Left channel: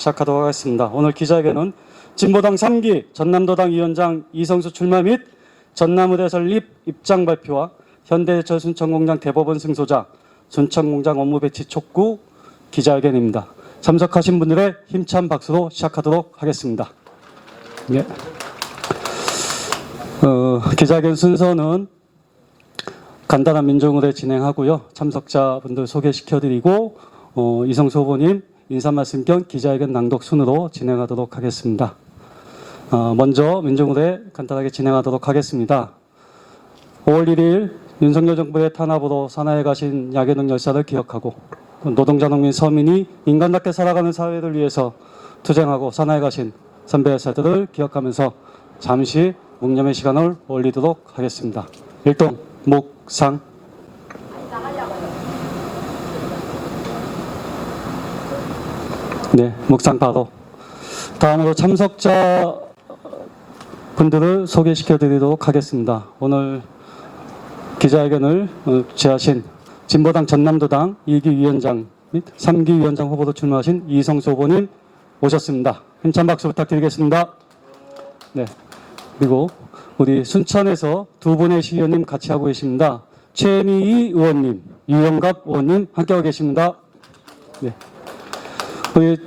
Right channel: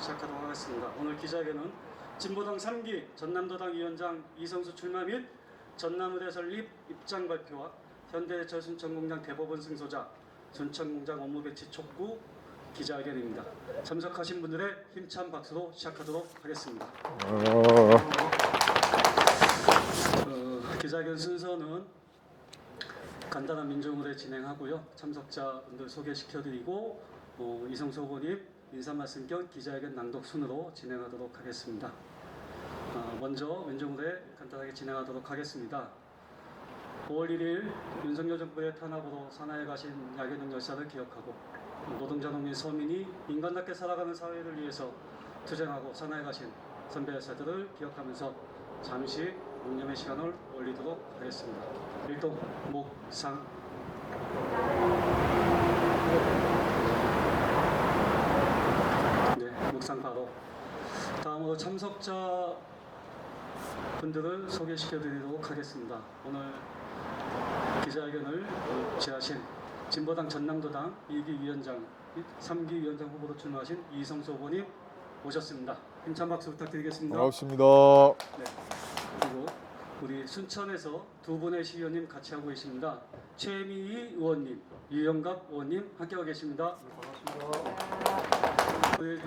시작하도록 하겠습니다. 오늘 기자회견은 진보당 3기 전남도당 위원장 이성수 출마 및 전남의대 설립 입장 발표와 현대저순천공장 대법원 승소자 순천공장 업무 배치 촉구 기자회견입니다. 참석하신 분들의 힘찬 박수로 시작하도록 하겠습니다. 네. 어, 기자회견 순서는 간단한 민정의례 진행하고요. 참석자분들 소개시켜드리고 어, 이성수 후보님 인사 말씀 겸 기자회견 낭독 순으로 진행하도록 하겠습니다. 어, 먼저 민정의례 간단하게 진행하도록 하겠습니다. 5월 1일 윤석열 정부의 탄압으로 산하에 가신 야계동 열사를 기억하고 노동자 농민 서민이 인간답게 살아가는 사회를 위해서 투쟁하고 산하에 가신 선배 열사들을 기억하면서 잠시 묵념의 시간을 올리도록 하겠습니다. 일동 묵상 네, 묵상 바로 다음으로 참석자 분들을 소개시켜 드리도록 하겠습니다. 오늘 기자회견을 어, 제하신 진보당 전남도당 2기 위원장 및 3기 위원장 후보로 출마하신 이성수 후보님 오셨습니다. 힘찬 박수 부탁드리겠습니다. 반갑습니다. 네. 그리고 우리 순천에서 두 분의 시의원님 같이 하고 계십니다. 최미희 의원님, 유영갑 의원님 함께하고 계십니다. 네.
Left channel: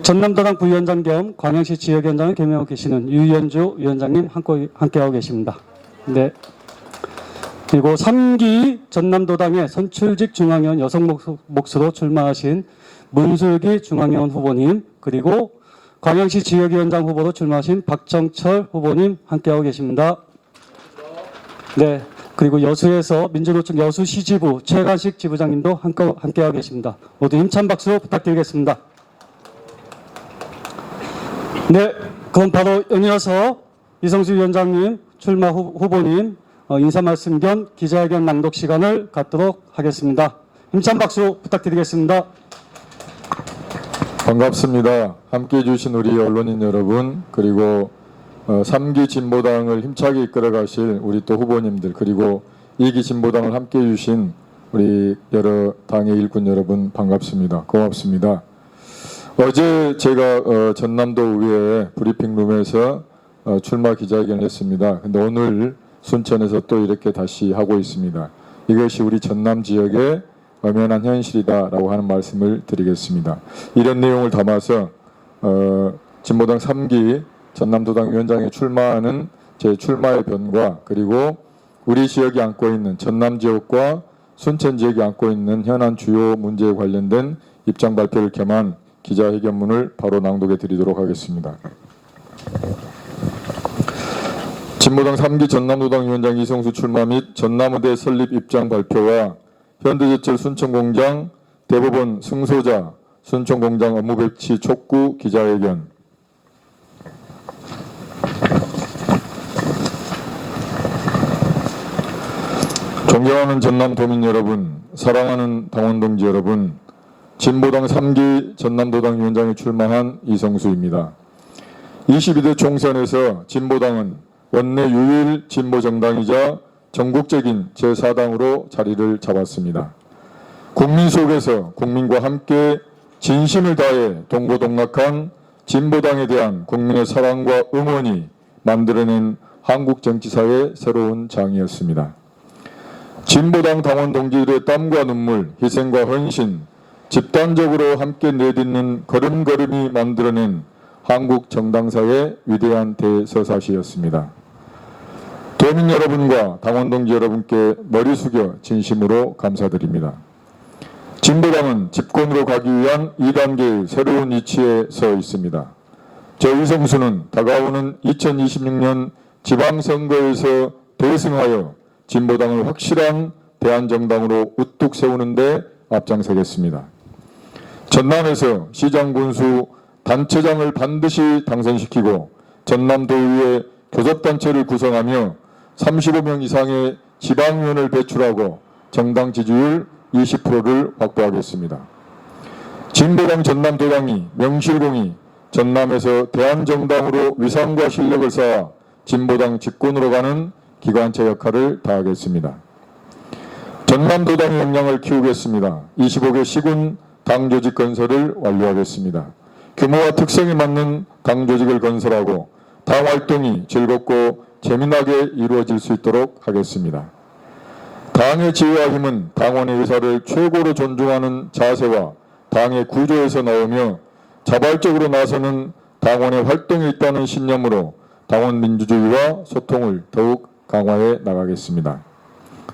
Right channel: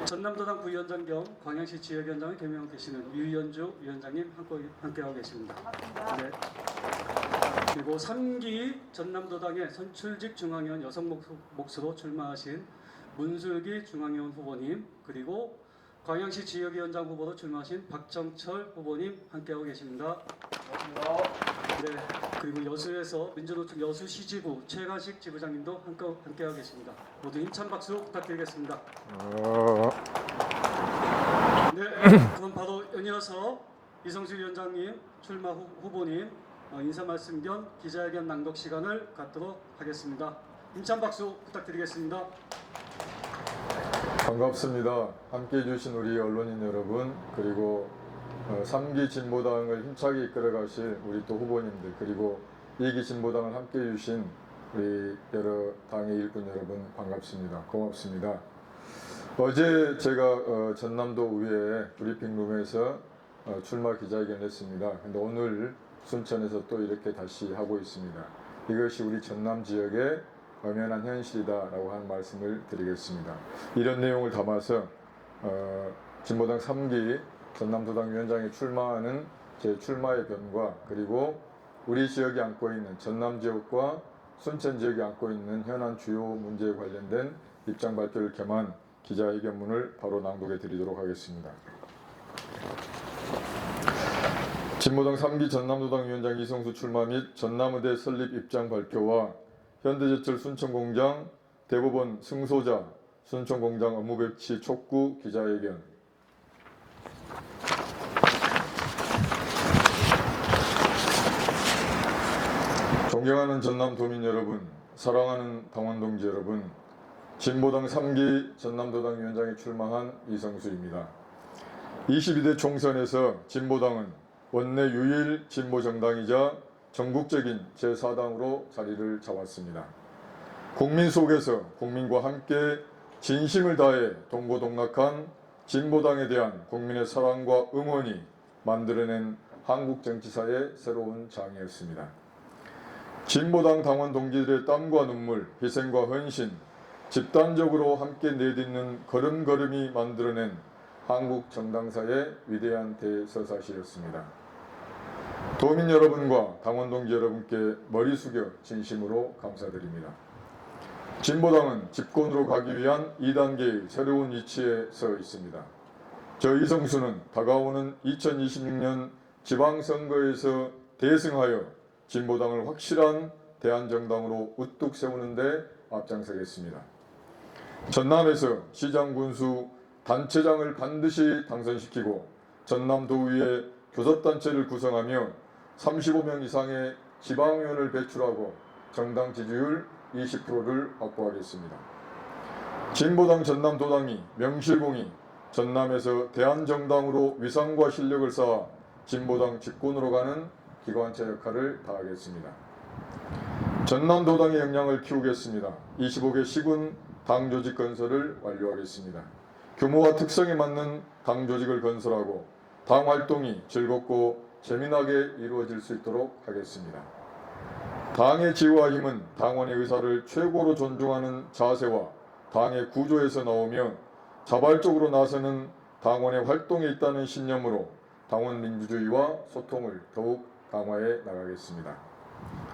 전남도당 부위원장 겸 광양시 지역위원장을 겸임하고 계시는 유연주 위원장님 함께- 함께하고 계십니다. 네. 그리고 3기 전남도당의 선출직 중앙위원 여성 목- 몫으로 출마하신 문슬기 중앙위원 후보님 그리고 광양시 지역위원장 후보로 출마하신 박정철 후보님 함께하고 계십니다. 네. 그리고 여수에서 민주노총 여수시 지부 최간식 지부장님도 함께, 함께하고 계십니다. 모두 힘찬 박수 부탁드리겠습니다. 어, 네. 그럼 바로 연이어서 이성수 위원장님 출마 후, 후보님 어, 인사 말씀 겸 기자회견 낭독 시간을 갖도록 하겠습니다. 힘찬 박수 부탁드리겠습니다. 반갑습니다. 함께 해주신 우리 언론인 여러분 그리고 어, 3기 진보당을 힘차게 이끌어가실 우리 또 후보님들 그리고 2기 진보당을 함께 해주신 우리 여러 당의 일꾼 여러분 반갑습니다. 고맙습니다. 어제 제가 어, 전남도 의회 브리핑룸에서 어, 출마 기자회견을 했습니다. 근데 오늘 순천에서 또 이렇게 다시 하고 있습니다. 이것이 우리 전남 지역의 엄연한 현실이다라고 하는 말씀을 드리겠습니다. 이런 내용을 담아서 어, 진보당 3기 전남도당 위원장에 출마하는 제 출마의 변과 그리고 우리 지역이 안고 있는 전남 지역과 순천 지역이 안고 있는 현안 주요 문제에 관련된 입장 발표를 겸한 기자회견문을 바로 낭독해 드리도록 하겠습니다. 진보당 3기 전남도당 위원장 이성수 출마 및 전남의대 설립 입장 발표와 현대제철 순천공장 대법원 승소자 순천공장 업무 배치 촉구 기자회견 존경하는 전남 도민 여러분, 사랑하는 당원 동지 여러분, 진보당 3기 전남도당 위원장에 출마한 이성수입니다. 22대 총선에서 진보당은 원내 유일 진보 정당이자 전국적인 제4당으로 자리를 잡았습니다. 국민 속에서 국민과 함께 진심을 다해 동고동락한 진보당에 대한 국민의 사랑과 응원이 만들어낸 한국 정치사의 새로운 장이었습니다. 진보당 당원 동지들의 땀과 눈물, 희생과 헌신, 집단적으로 함께 내딛는 걸음걸음이 만들어낸 한국 정당사의 위대한 대서사시였습니다. 도민 여러분과 당원 동지 여러분께 머리 숙여 진심으로 감사드립니다. 진보당은 집권으로 가기 위한 2단계의 새로운 위치에 서 있습니다. 저 이성수는 다가오는 2026년 지방선거에서 대승하여 진보당을 확실한 대한정당으로 우뚝 세우는데 앞장서겠습니다. 전남에서 시장 군수 단체장을 반드시 당선시키고 전남도의회 교섭단체를 구성하며 35명 이상의 지방위원을 배출하고 정당 지지율 20%를 확보하겠습니다. 진보당 전남도당이 명실공히 전남에서 대한정당으로 위상과 실력을 쌓아 진보당 집권으로 가는 기관차 역할을 다하겠습니다. 전남도당의 역량을 키우겠습니다. 25개 시군 당 조직 건설을 완료하겠습니다. 규모와 특성에 맞는 당 조직을 건설하고 당 활동이 즐겁고 재미나게 이루어질 수 있도록 하겠습니다. 당의 지혜와 힘은 당원의 의사를 최고로 존중하는 자세와 당의 구조에서 나오며 자발적으로 나서는 당원의 활동에 있다는 신념으로 당원 민주주의와 소통을 더욱 강화해 나가겠습니다.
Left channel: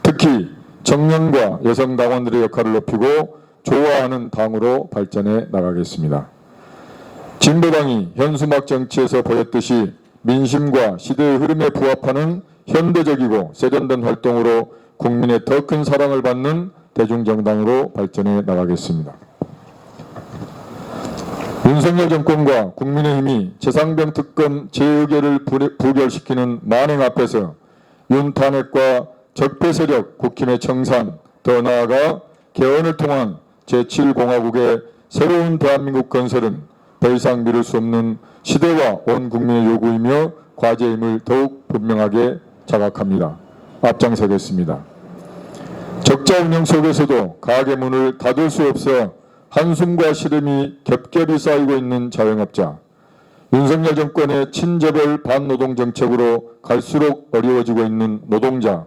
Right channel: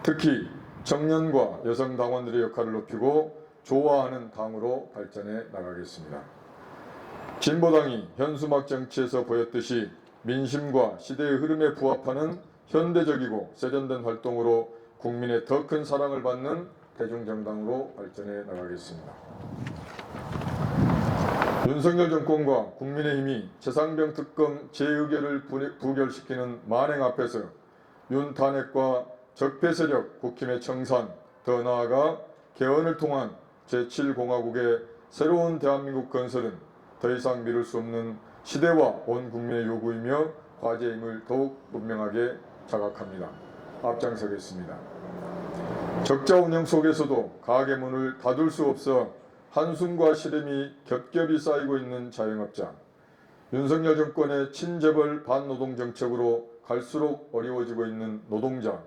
특히 청년과 여성 당원들의 역할을 높이고 좋아하는 당으로 발전해 나가겠습니다. 진보당이 현수막 정치에서 보였듯이 민심과 시대의 흐름에 부합하는 현대적이고 세련된 활동으로 국민의 더 큰 사랑을 받는 대중정당으로 발전해 나가겠습니다. 윤석열 정권과 국민의힘이 최상병 특검 재의결을 부- 부결시키는 만행 앞에서 윤 탄핵과 적폐 세력 국힘의 청산, 더 나아가 개헌을 통한 제7공화국의 새로운 대한민국 건설은 더 이상 미룰 수 없는 시대와 온 국민의 요구이며 과제임을 더욱 분명하게 자각합니다. 앞장서겠습니다. 적자 운영 속에서도 가게 문을 닫을 수 없어 한숨과 시름이 겹겹이 쌓이고 있는 자영업자. 윤석열 정권의 친재벌 반노동 정책으로 갈수록 어려워지고 있는 노동자.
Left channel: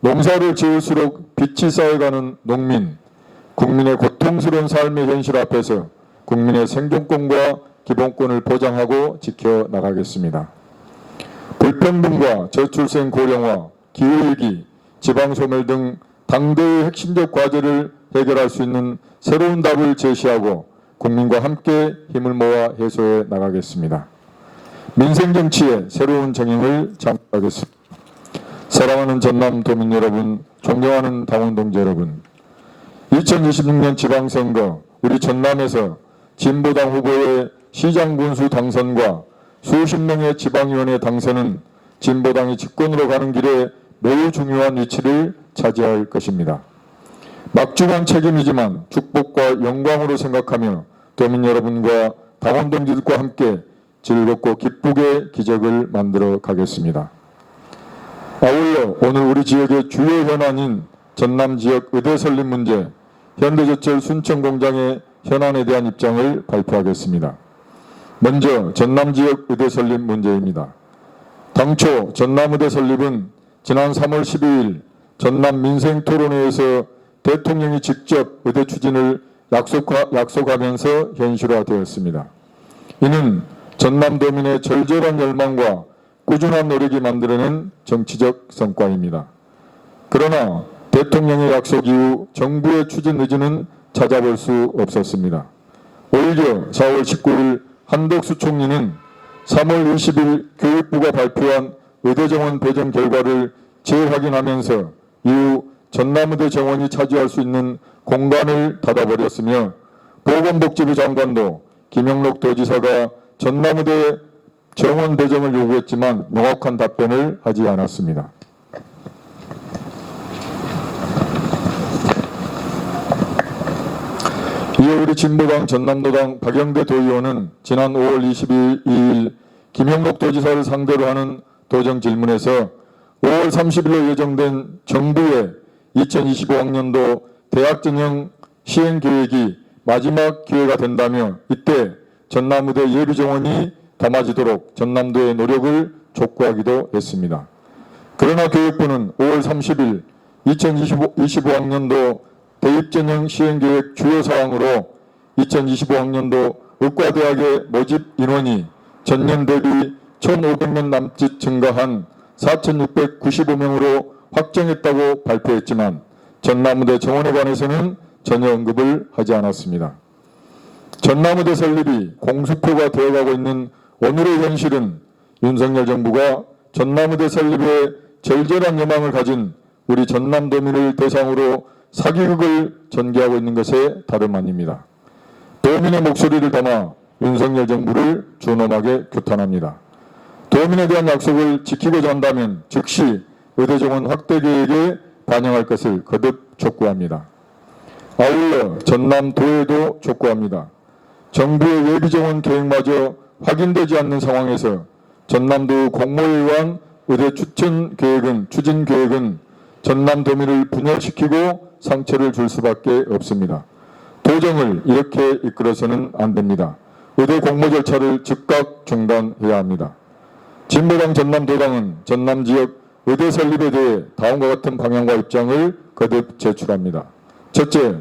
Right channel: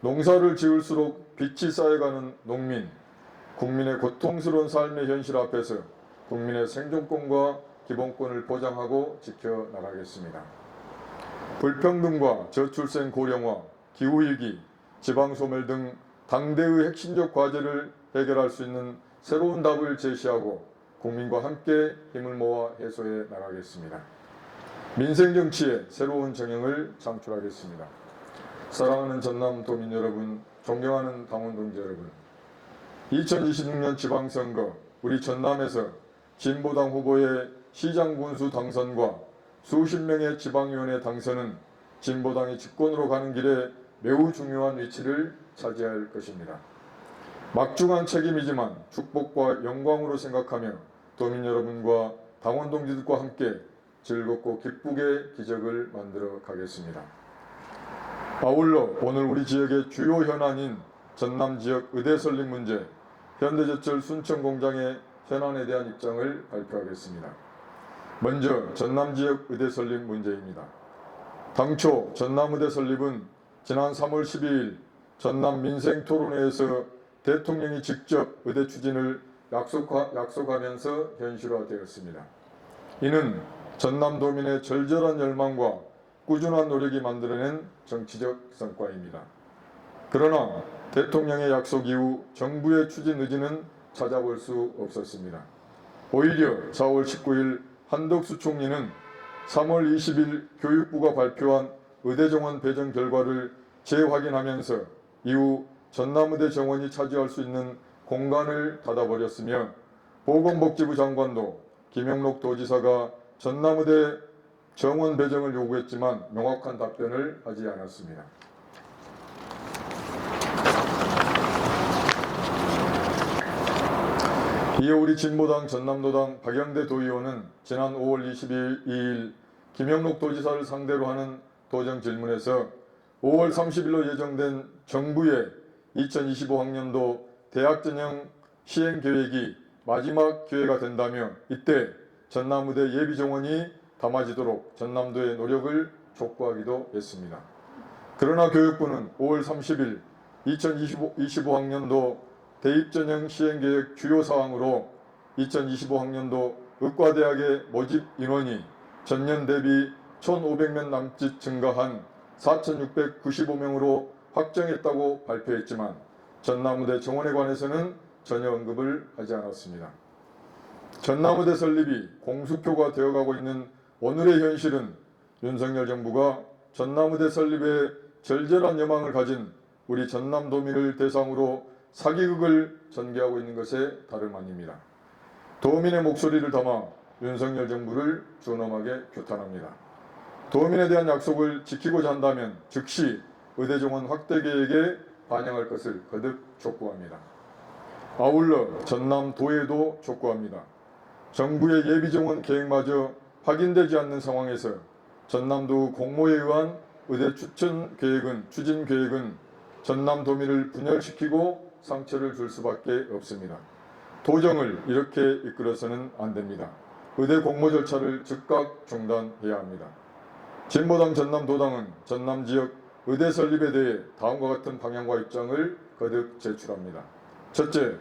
농사를 지을수록 빛이 쌓여가는 농민. 국민의 고통스러운 삶의 현실 앞에서 국민의 생존권과 기본권을 보장하고 지켜나가겠습니다. 불평등과 저출생 고령화, 기후위기, 지방소멸 등 당대의 핵심적 과제를 해결할 수 있는 새로운 답을 제시하고 국민과 함께 힘을 모아 해소해 나가겠습니다. 민생 정치의 새로운 정형을 창출하겠습니다. 사랑하는 전남 도민 여러분, 존경하는 당원 동지 여러분, 2026년 지방선거 우리 전남에서 진보당 후보의 시장 군수 당선과 수십 명의 지방위원회 당선은 진보당이 집권으로 가는 길에 매우 중요한 위치를 차지할 것입니다. 막중한 책임이지만 축복과 영광으로 생각하며 도민 여러분과 당원 동지들과 함께 즐겁고 기쁘게 기적을 만들어 가겠습니다. 아울러 오늘 우리 지역의 주요 현안인 전남 지역 의대 설립 문제, 현대제철 순천공장의 현안에 대한 입장을 발표하겠습니다. 먼저 전남 지역 의대 설립 문제입니다. 당초 전남 의대 설립은 지난 3월 12일 전남 민생 토론회에서 대통령이 직접 의대 추진을 약속하, 약속하면서 현실화되었습니다. 이는 전남도민의 절절한 열망과 꾸준한 노력이 만들어낸 정치적 성과입니다. 그러나 대통령의 약속 이후 정부의 추진 의지는 찾아볼 수 없었습니다. 오히려 4월 19일 한덕수 총리는 3월 20일 교육부가 발표한 의대 정원 배정 결과를 재확인하면서 이후 전남의대 정원이 차지할 수 있는 공간을 닫아버렸으며 보건복지부 장관도 김영록 도지사가 전남의대 정원 배정을 요구했지만 명확한 답변을 하지 않았습니다. 이에 우리 진보당 전남도당 박영대 도의원은 지난 5월 22일 김영록 도지사를 상대로 하는 도정 질문에서 5월 30일로 예정된 정부의 2025학년도 대학 전형 시행 계획이 마지막 기회가 된다며 이때 전남의대 예비 정원이 담아지도록 전남도의 노력을 촉구하기도 했습니다. 그러나 교육부는 5월 30일 2025학년도 대입전형 시행계획 주요 사항으로 2025학년도 의과대학의 모집 인원이 전년 대비 1,500명 남짓 증가한 4,695명으로 확정했다고 발표했지만 전남의대 정원에 관해서는 전혀 언급을 하지 않았습니다. 전남의대 설립이 공수표가 되어가고 있는 오늘의 현실은 윤석열 정부가 전남의대 설립에 절절한 여망을 가진 우리 전남도민을 대상으로 사기극을 전개하고 있는 것에 다름 아닙니다. 도민의 목소리를 담아 윤석열 정부를 준엄하게 규탄합니다. 도민에 대한 약속을 지키고자 한다면 즉시 의대 정원 확대 계획에 반영할 것을 거듭 촉구합니다. 아울러 전남도에도 촉구합니다. 정부의 예비 정원 계획마저 확인되지 않는 상황에서 전남도 공모의원 의대 추천 계획은 추진 계획은 전남도민을 분열시키고 상처를 줄 수밖에 없습니다. 도정을 이렇게 이끌어서는 안 됩니다. 의대 공모 절차를 즉각 중단해야 합니다. 진보당 전남도당은 전남 지역 의대 설립에 대해 다음과 같은 방향과 입장을 거듭 제출합니다. 첫째,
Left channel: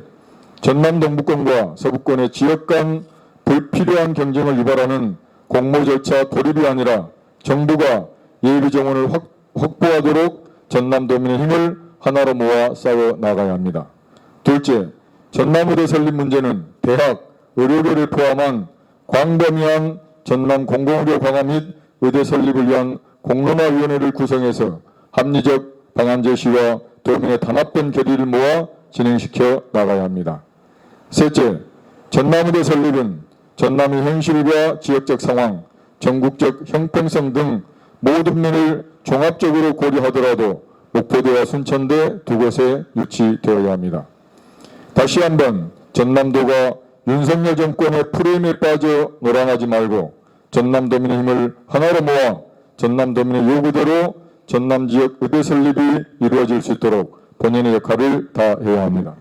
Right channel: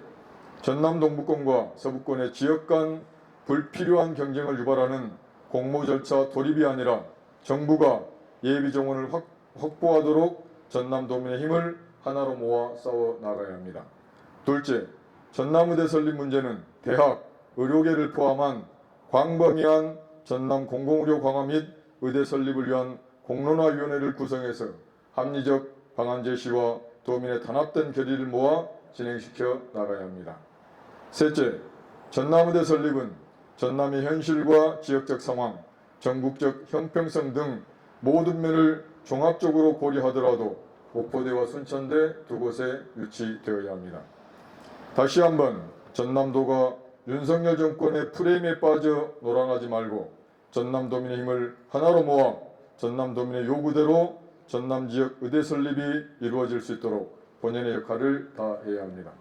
전남 동부권과 서부권의 지역 간 불필요한 경쟁을 유발하는 공모 절차 돌입이 아니라 정부가 예비 정원을 확, 확보하도록 전남도민의 힘을 하나로 모아 싸워 나가야 합니다. 둘째, 전남의대 설립 문제는 대학, 의료계를 포함한 광범위한 전남 공공의료 강화 및 의대 설립을 위한 공론화위원회를 구성해서 합리적 방안 제시와 도민의 단합된 결의를 모아 진행시켜 나가야 합니다. 셋째, 전남의대 설립은 전남의 현실과 지역적 상황, 전국적 형평성 등 모든 면을 종합적으로 고려하더라도 목포대와 순천대 두 곳에 유치되어야 합니다. 다시 한번 전남도가 윤석열 정권의 프레임에 빠져 노란하지 말고 전남도민의 힘을 하나로 모아 전남도민의 요구대로 전남 지역 의대 설립이 이루어질 수 있도록 본연의 역할을 다해야 합니다.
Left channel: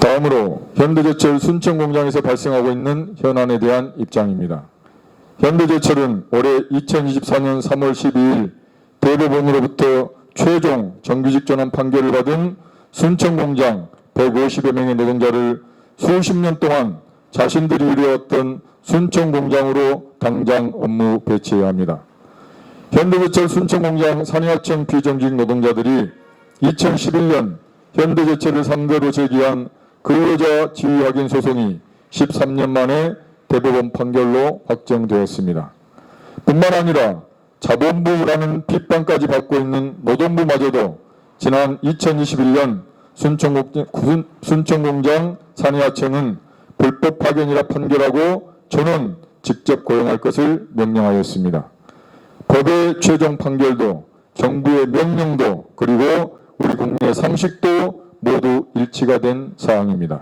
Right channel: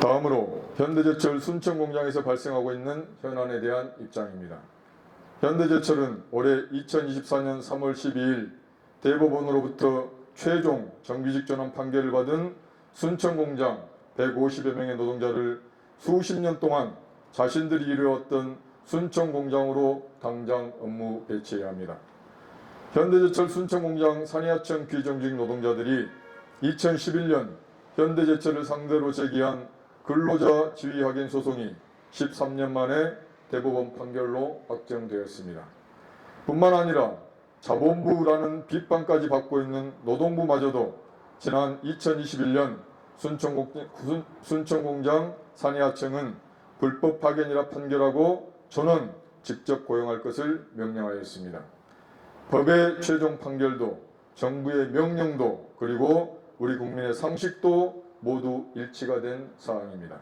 다음으로 현대제철 순천 공장에서 발생하고 있는 현안에 대한 입장입니다. 현대제철은 올해 2024년 3월 12일 대법원으로부터 최종 정규직 전환 판결을 받은 순천공장 150여 명의 노동자를 수십 년 동안 자신들이 이루었던 순천공장으로 당장 업무 배치해야 합니다. 현대제철 순천공장 산하청 비정규직 노동자들이 2011년 현대제철을 상대로 제기한 근로자 지위 확인 소송이 13년 만에 대법원 판결로 확정되었습니다. 뿐만 아니라 자본부라는 핍반까지 받고 있는 노동부마저도 지난 2021년 순천공장, 순- 순천공장 산하청은 불법 파견이라 판결하고 저는 직접 고용할 것을 명령하였습니다. 법의 최종 판결도 정부의 명령도 그리고 우리 국민의 상식도 모두 일치가 된 사항입니다.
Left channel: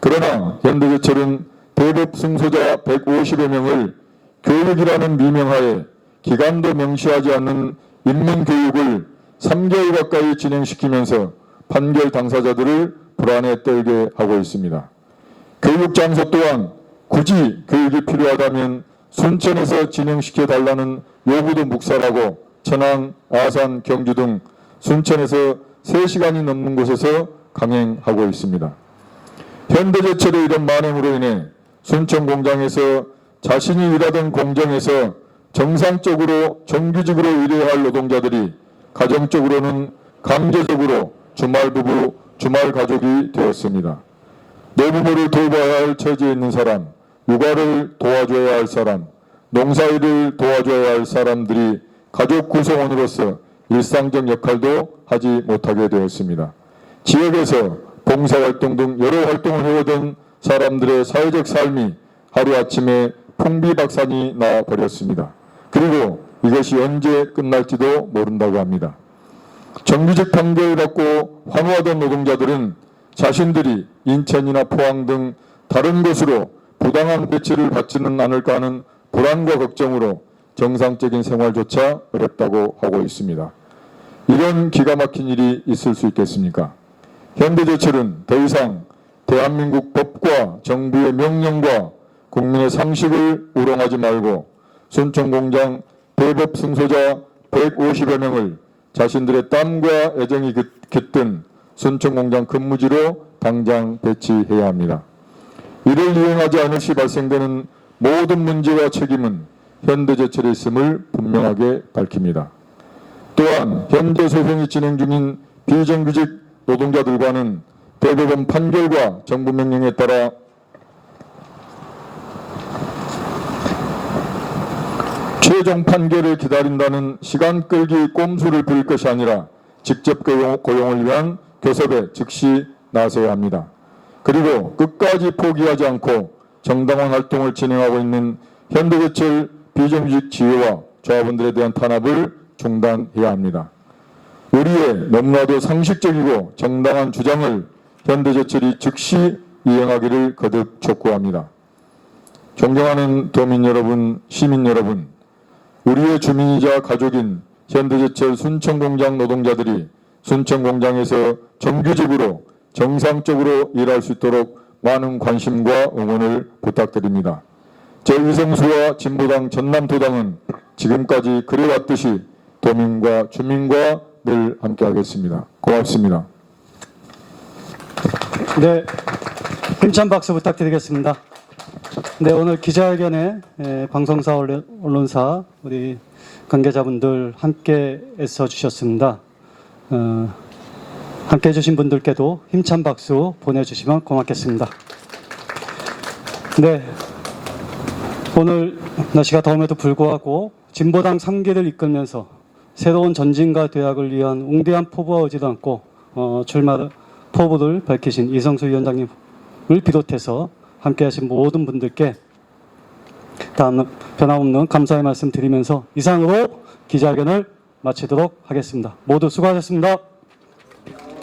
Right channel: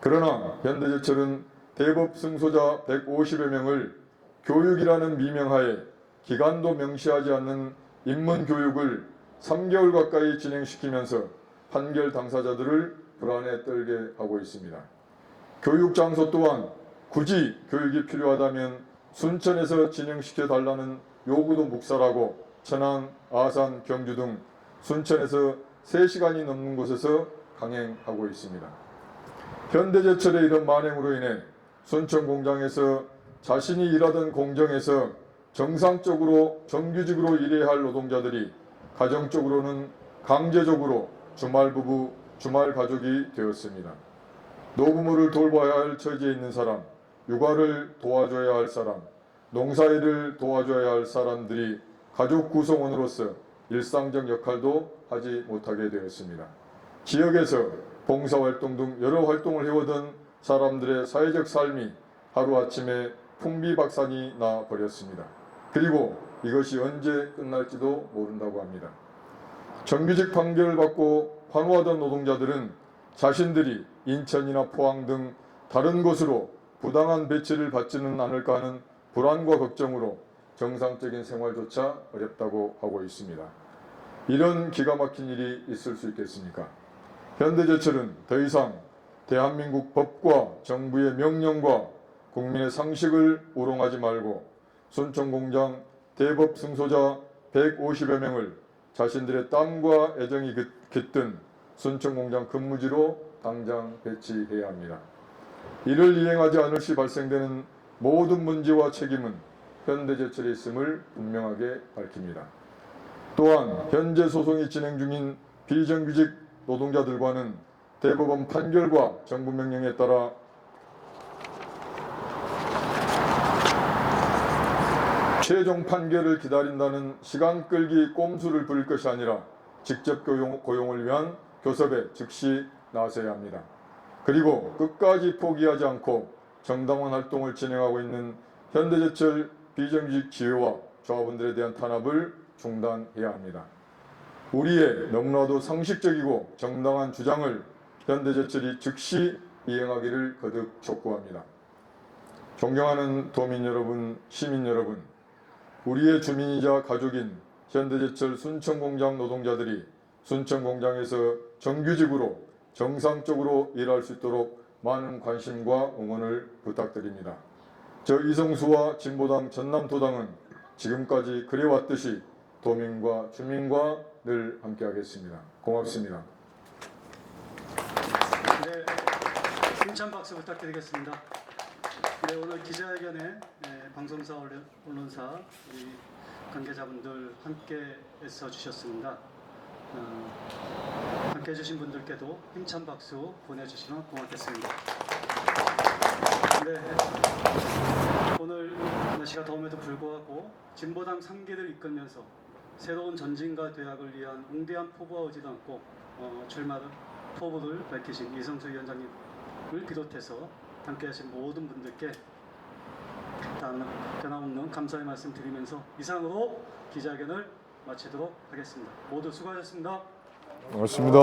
그러나 현대제철은 대법 승소자 150여 명을 교육이라는 미명하에 기간도 명시하지 않는 인문교육을 3개월 가까이 진행시키면서 판결 당사자들을 불안에 떨게 하고 있습니다. 교육 장소 또한 굳이 교육이 필요하다면 순천에서 진행시켜 달라는 요구도 묵살하고 천안, 아산, 경주 등 순천에서 3시간이 넘는 곳에서 강행하고 있습니다. 현대제철의 이런 만행으로 인해 순천 공장에서 자신이 일하던 공정에서 정상적으로 정규직으로 일해야 할 노동자들이 가정적으로는 강제적으로 주말 부부, 주말 가족이 되었습니다. 내 부모를 돌봐야 할 처지에 있는 사람, 육아를 도와줘야 할 사람, 농사일을 도와줘야 할 사람들이 가족 구성원으로서 일상적 역할도 하지 못하게 되었습니다. 지역에서 봉사활동 등 여러 활동을 해오던 사람들의 사회적 삶이 하루아침에 풍비박산이 나 버렸습니다. 그리고 이것이 언제 끝날지도 모른다고 합니다. 정규직 판결을 받고 환호하던 노동자들은 자신들이 인천이나 포항 등 다른 곳으로 부당한 배치를 받지는 않을까 하는 불안과 걱정으로 정상적인 생활조차 어렵다고 하고 있습니다. 이런 기가 막힌 일이 있을 수 있겠습니까? 현대제철은 더 이상 대한민국 법과 정부의 명령과 국민의 상식을 우롱하지 말고 순천공장 대법 승소자 150여 명을 자신들의 땀과 애정이 깃- 깃든 순천공장 근무지로 당장 배치해야 합니다. 이를 이행하지 않을 시 발생되는 모든 문제와 책임은 현대제철에 있음을 분명하게 밝힙니다. 또한 현재 소송이 진행 중인 비정규직 노동자들과는 대법원 판결과 정부 명령에 따라 최종 판결을 기다린다는 시간 끌기 꼼수를 부릴 것이 아니라 직접 고용, 고용 을 위한 교섭에 즉시 나서야 합니다. 그리고 끝까지 포기하지 않고 정당한 활동을 진행하고 있는 현대제철 비정규직 지회와 조합원들에 대한 탄압을 중단해야 합니다. 우리의 너무나도 상식적이고 정당한 주장을 현대제철이 즉시 이행하기를 거듭 촉구합니다. 존경하는 도민 여러분, 시민 여러분, 우리의 주민이자 가족인 현대제철 순천공장 노동자들이 순천공장에서 정규직으로 정상적으로 일할 수 있도록 많은 관심과 응원을 부탁드립니다. 저 이성수와 진보당 전남도당은 지금까지 그래왔듯이 도민과 주민과 늘 함께하겠습니다. 고맙습니다. 네, 힘찬 박수 부탁드리겠습니다. 네, 오늘 기자회견에 에, 방송사 언론- 언론사 우리 관계자분들 함께 애써 주셨습니다. 어, 함께 해주신 분들께도 힘찬 박수 보내주시면 고맙겠습니다. 네, 오늘 날씨가 더움에도 불구하고 진보당 3기를 이끌면서 새로운 전진과 대학을 위한 웅대한 포부와 의지도 않고 어, 출마 포부를 밝히신 이성수 위원장님을 비롯해서 함께 하신 모든 분들께 다음 변함없는 감사의 말씀 드리면서 이상으로 기자회견을 마치도록 하겠습니다. 모두 수고하셨습니다. 고맙습니다.